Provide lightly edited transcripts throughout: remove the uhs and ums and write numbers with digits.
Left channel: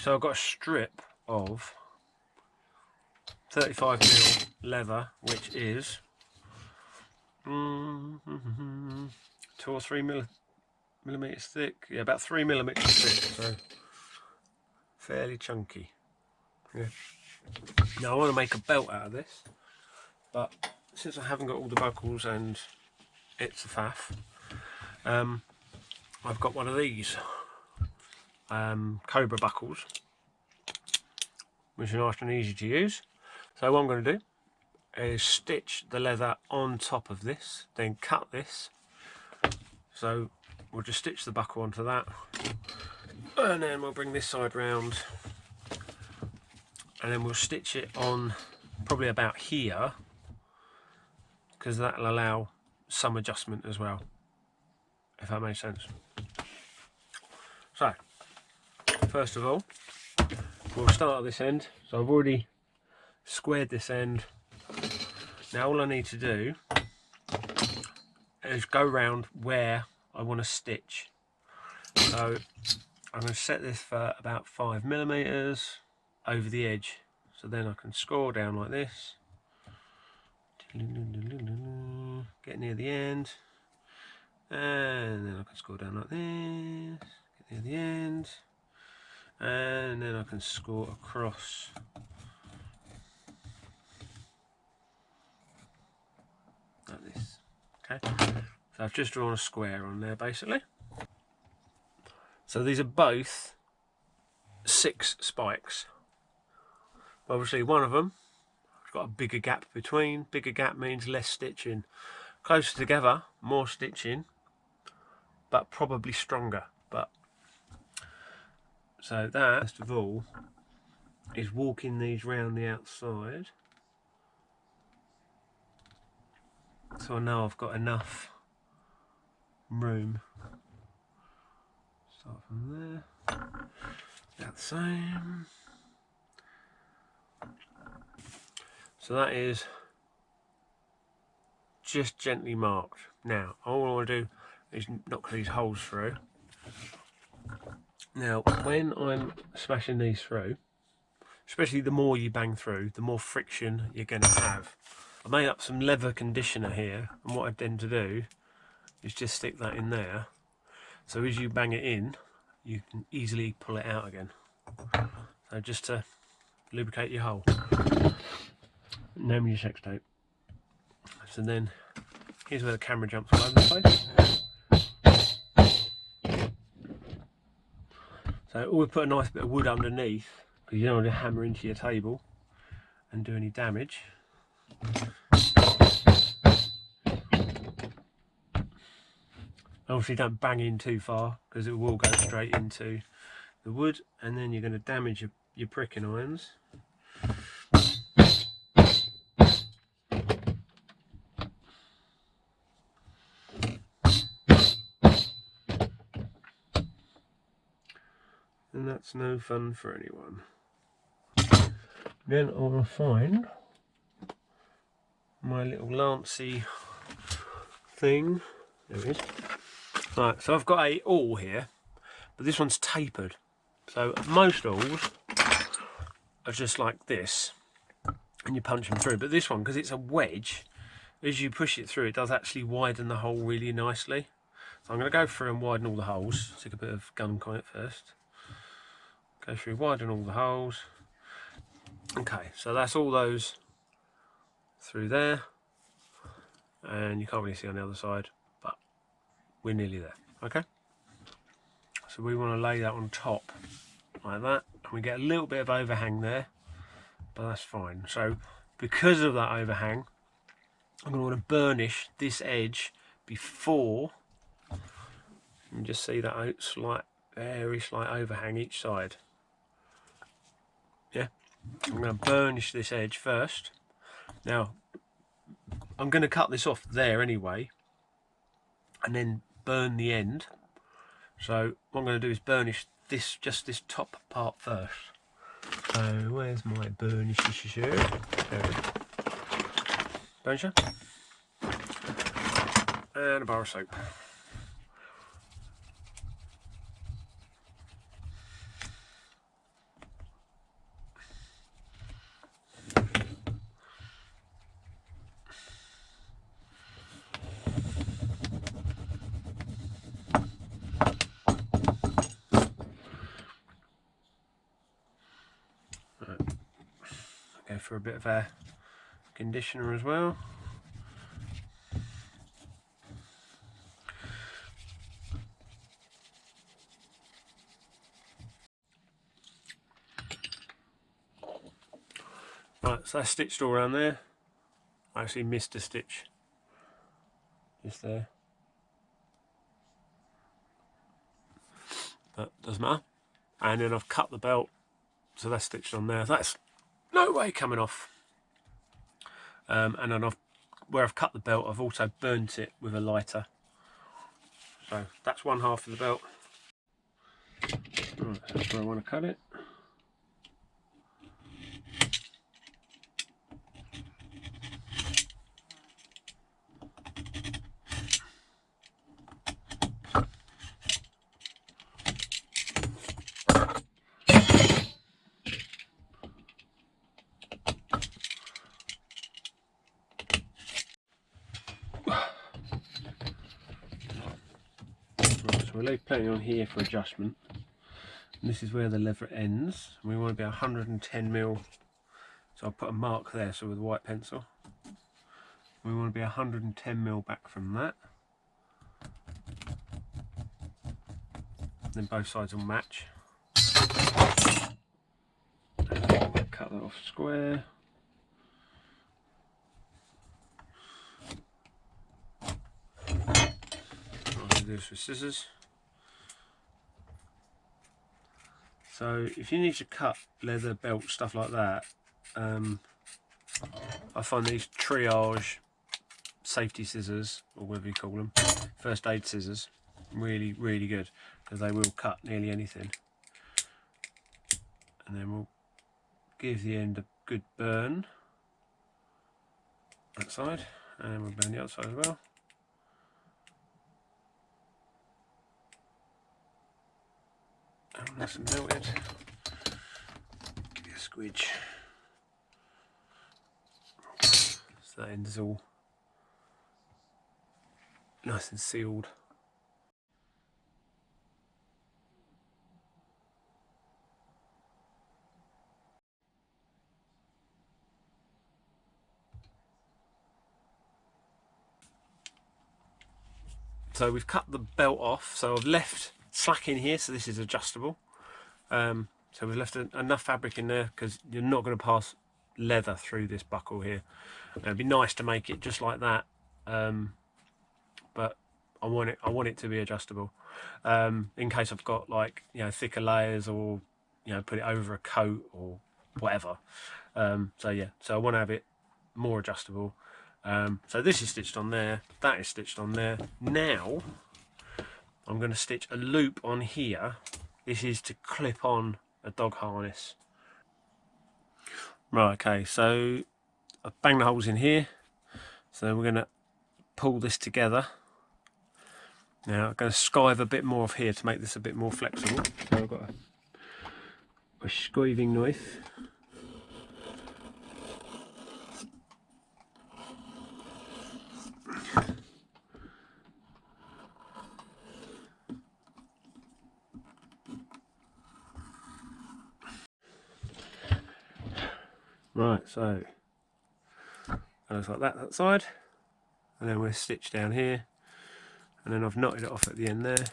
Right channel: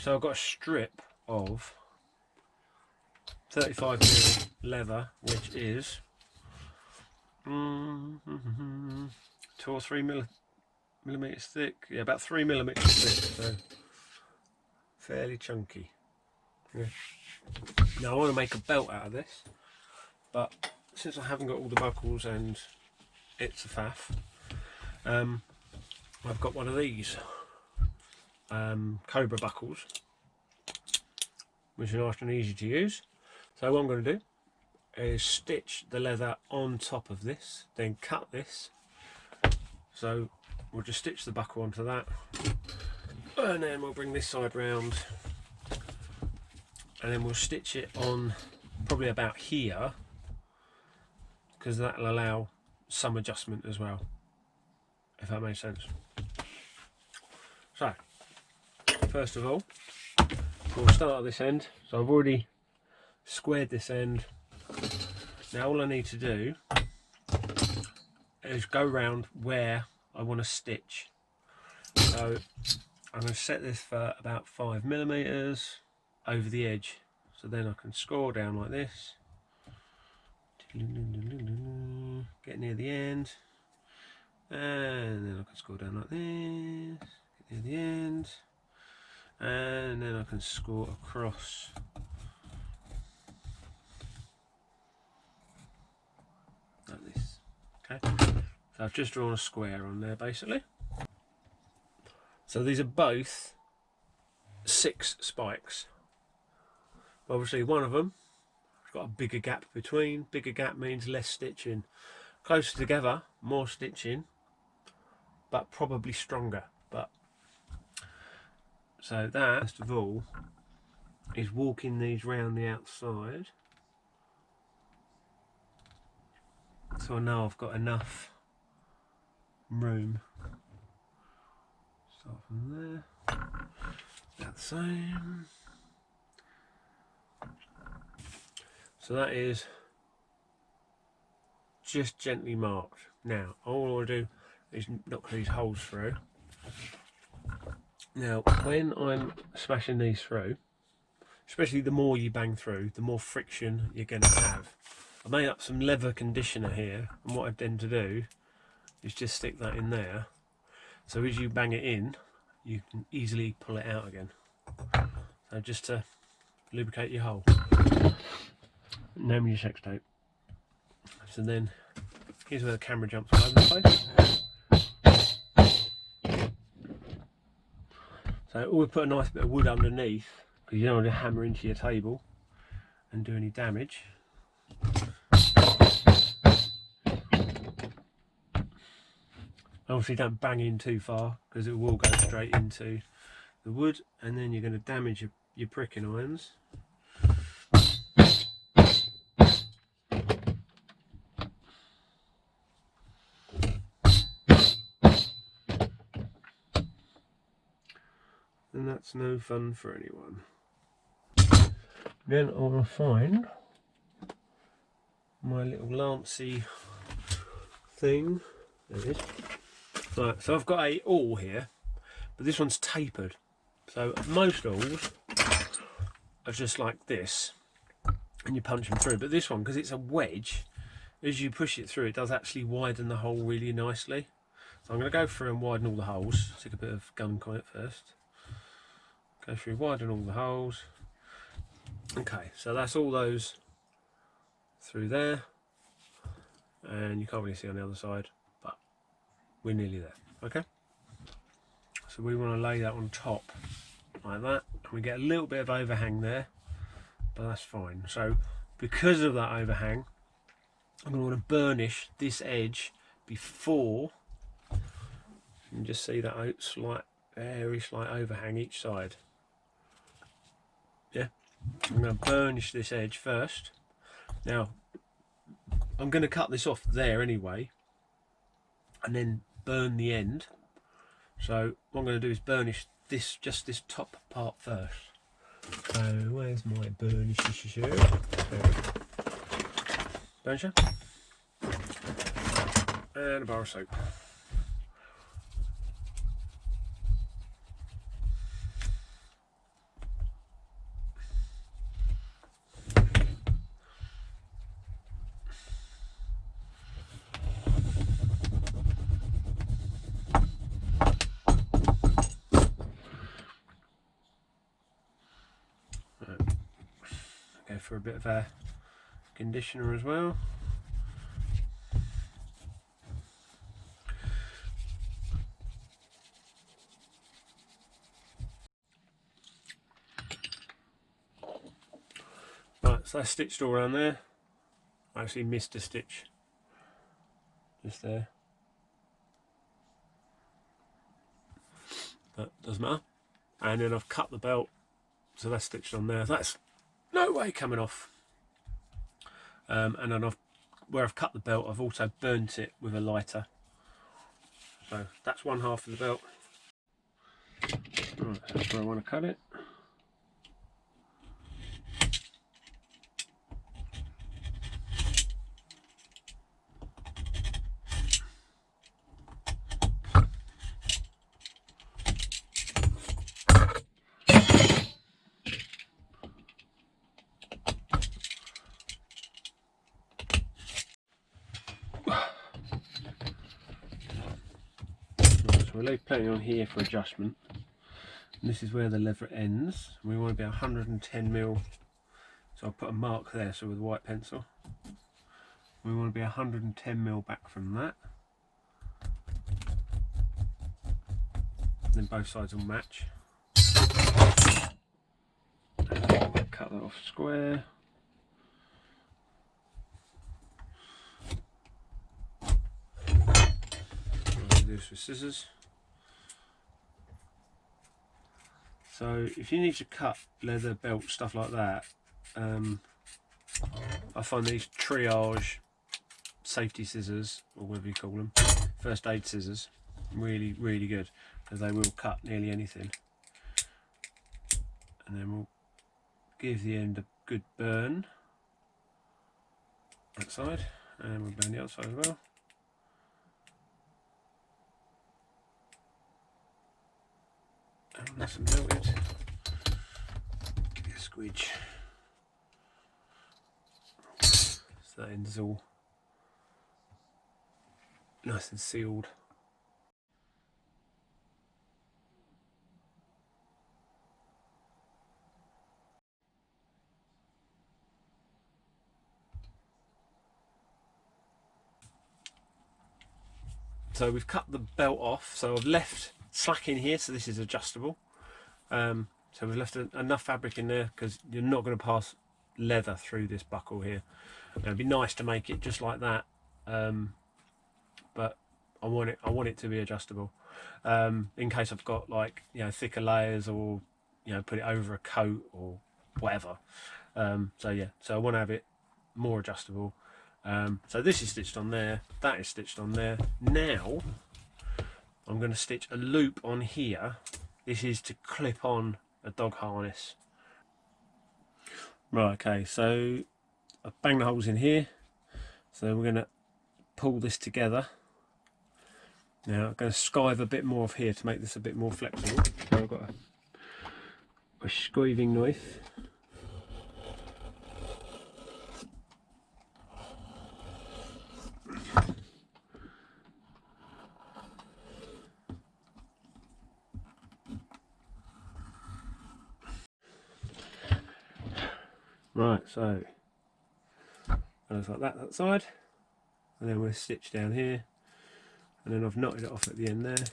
so I've got a strip of 35mm leather, which is 2 or 3 millimeters thick. Yeah, about 3 millimeters thick, so fairly chunky. Yeah. Now I want to make a belt out of this, but since I haven't got all the buckles and it's a faff, I've got one of these Cobra buckles, which are nice and easy to use. So what I'm going to do is stitch the leather on top of this, then cut this. So we'll just stitch the buckle onto that, and then we'll bring this side round, and then we'll stitch it on probably about here, because that'll allow some adjustment as well, if that makes sense. So first of all, we'll start at this end. So I've already squared this end. Now all I need to do is go round where I want to stitch. So I'm going to set this for about 5 millimeters over the edge, so then I can score down like this, get near the end, and then I can score down like this, get near the end, and then I can score across like this. Okay, so I've just drawn a square on there basically. So these are both 6 spikes. Obviously one of them has got a bigger gap between. Bigger gap means less stitching. Closer together, more stitching, but probably stronger. But so that, first of all, is walking these round the outside, so I know I've got enough room. Start from there, about the same. So that is just gently marked. Now all I want to do is knock these holes through. Now when I'm smashing these through, especially the more you bang through, the more friction you're going to have. I made up some leather conditioner here, and what I tend to do is just stick that in there, so as you bang it in you can easily pull it out again. So just to lubricate your hole. Name your sex tape. So then here's where the camera jumps all over the place. So always put a nice bit of wood underneath, because you don't want to hammer into your table and do any damage. Obviously don't bang in too far, because it will go straight into the wood, and then you're going to damage your pricking irons. And that's no fun for anyone. Then I want to find my little lancy thing. There it is. Right, so I've got a awl here, but this one's tapered. So most awls are just like this, and you punch them through. But this one, because it's a wedge, as you push it through, it does actually widen the hole really nicely. So I'm going to go through and widen all the holes. Stick a bit of gunk on it first. Go through, widen all the holes. Okay, so that's all those through there, and you can't really see on the other side, but we're nearly there. Okay, so we want to lay that on top like that, and we get a little bit of overhang there, but that's fine. So because of that overhang, I'm going to want to burnish this edge before. You can just see that slight, very slight overhang each side. Yeah, I'm going to burnish this edge first. Now I'm going to cut this off there anyway, and then burn the end. So what I'm going to do is burnish this, just this top part first. So where's my burnish? There we go. Burnisher and a bar of soap. for a bit of air conditioner as well. Right, so that's stitched all around there. I actually missed a stitch just there, but doesn't matter. And then I've cut the belt, so that's stitched on there. That's no way coming off. And then where I've cut the belt, I've also burnt it with a lighter. So that's one half of the belt. Right, that's where I want to cut it. So we'll leave plenty on here for adjustment. And this is where the leather ends. We want to be 110mm. So I'll put a mark there, so with a white pencil. We want to be 110mm back from that. Then both sides will match. Cut that off square. I'll do this with scissors. So if you need to cut leather, belt, stuff like that, I find these triage safety scissors, or whatever you call them, first aid scissors, really, really good, because they will cut nearly anything. And then we'll give the end a good burn, that side, and we'll burn the other side as well. Oh, nice and melted. Give you a squidge. So that end is all nice and sealed. So we've cut the belt off, so I've left slack in here, so this is adjustable. So we've left enough fabric in there because you're not going to pass leather through this buckle here. It'd be nice to make it just like that, but I want it to be adjustable, in case I've got, like, you know, thicker layers, or, you know, put it over a coat or whatever. So yeah, so I want to have it more adjustable. So this is stitched on there, that is stitched on there. Now I'm going to stitch a loop on here. This is to clip on a dog harness. Right, okay, so I've banged the holes in here, so we're going to pull this together. Now I'm going to skive a bit more off here to make this a bit more flexible. So I've got a skiving knife. Right, so it looks like that side, and then we'll stitch down here, and then I've knotted it off at the end there,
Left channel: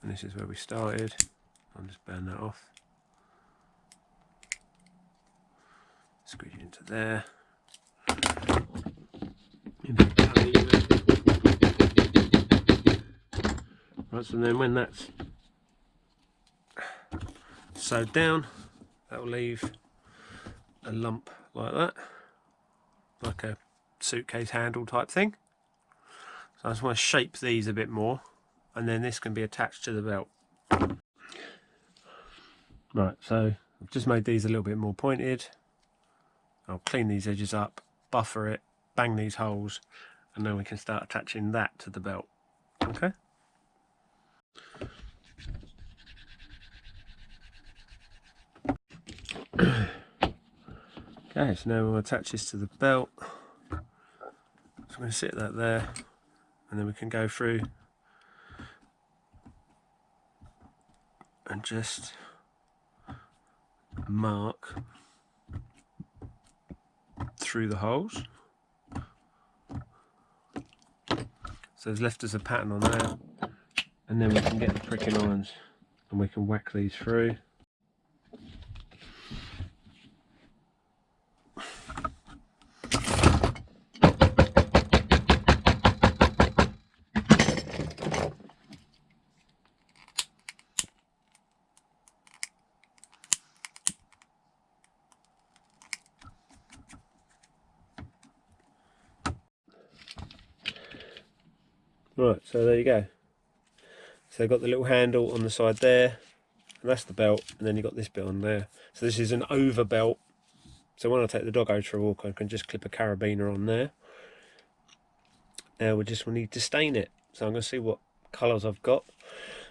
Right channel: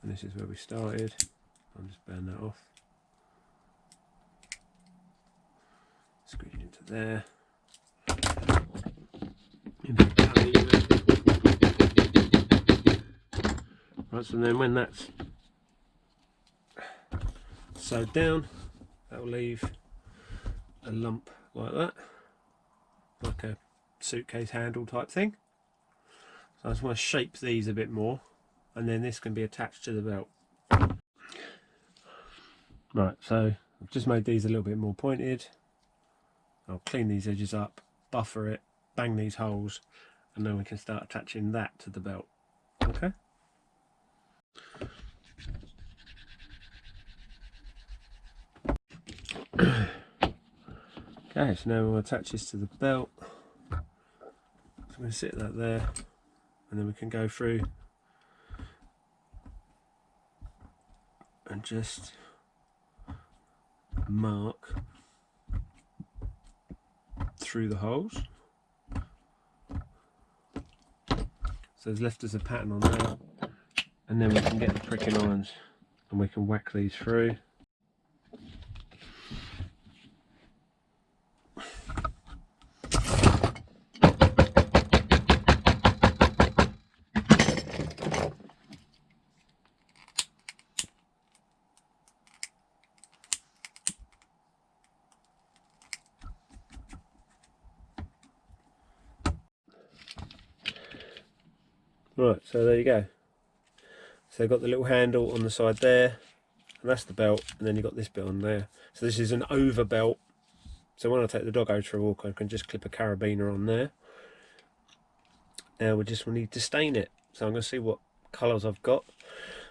and this is where we started. I'll just burn that off, squeeze it into there. Right, so then when that's sewed down, that will leave a lump like that, like a suitcase handle type thing. So I just want to shape these a bit more, and then this can be attached to the belt. Right, so I've just made these a little bit more pointed. I'll clean these edges up, buffer it, bang these holes, and then we can start attaching that to the belt. Okay. Okay, so now we'll attach this to the belt. So I'm going to sit that there, and then we can go through and just mark through the holes. So there's left us a pattern on there, and then we can get the pricking irons and we can whack these through. Right, so there you go. So they've got the little handle on the side there, and that's the belt, and then you've got this bit on there. So this is an over belt. So when I take the doggo for a walk, I can just clip a carabiner on there. Now we just need to stain it. So I'm going to see what colours I've got.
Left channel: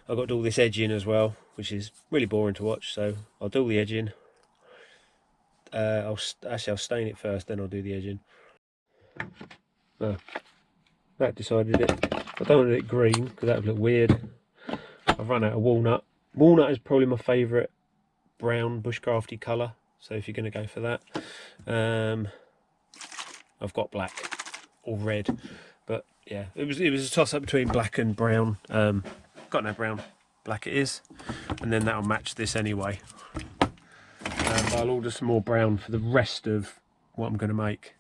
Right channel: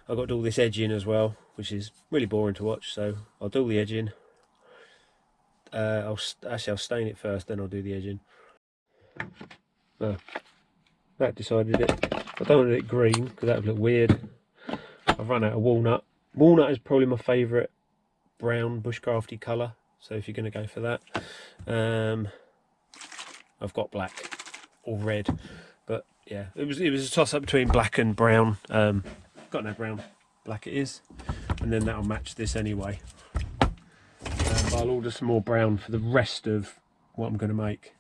I've got to do all this edging as well, which is really boring to watch. So I'll do all the edging. I'll stain it first, then I'll do the edging. No, that decided it. I don't want it green because that would look weird. I've run out of walnut. Walnut is probably my favourite brown bushcrafty colour. So if you're going to go for that, I've got black or red. But yeah, it was a toss up between black and brown. Got no brown, black it is, and then that'll match this anyway. But I'll order some more brown for the rest of what I'm going to make.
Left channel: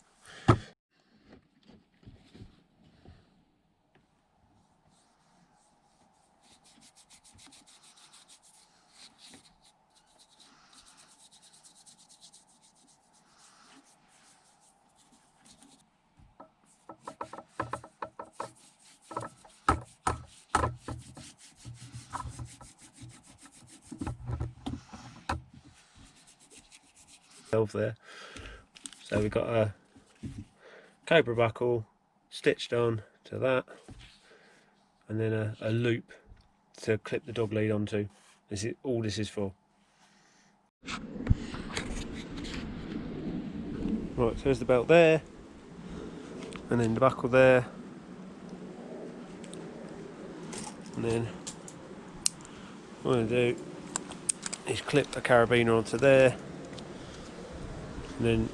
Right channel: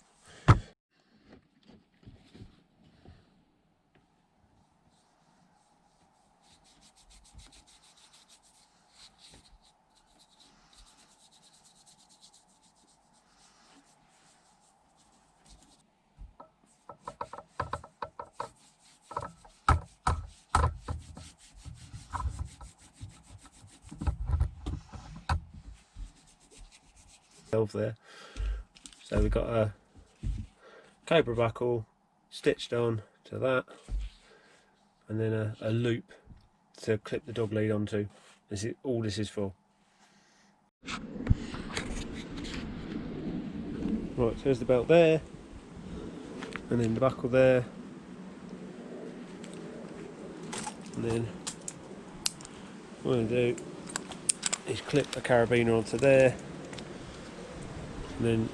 There, so we've got a cobra buckle stitched on to that, and then a loop to clip the dog lead onto. This is all this is for. Right, so there's the belt there, and then the buckle there, and then what I'm going to do is clip a carabiner onto there. And then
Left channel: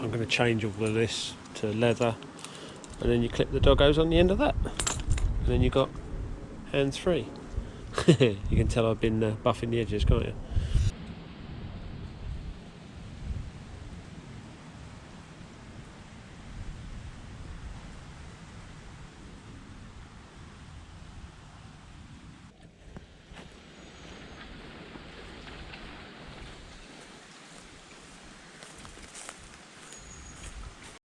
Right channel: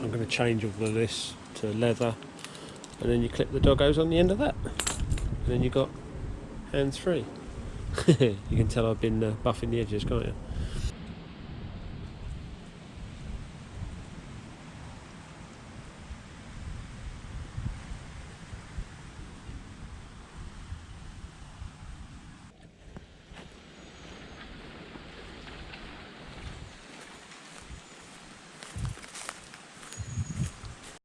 I'm going to change all of this to leather, and then you clip the doggos on the end of that, and then you've got hands free. You can tell I've been buffing the edges, can't you?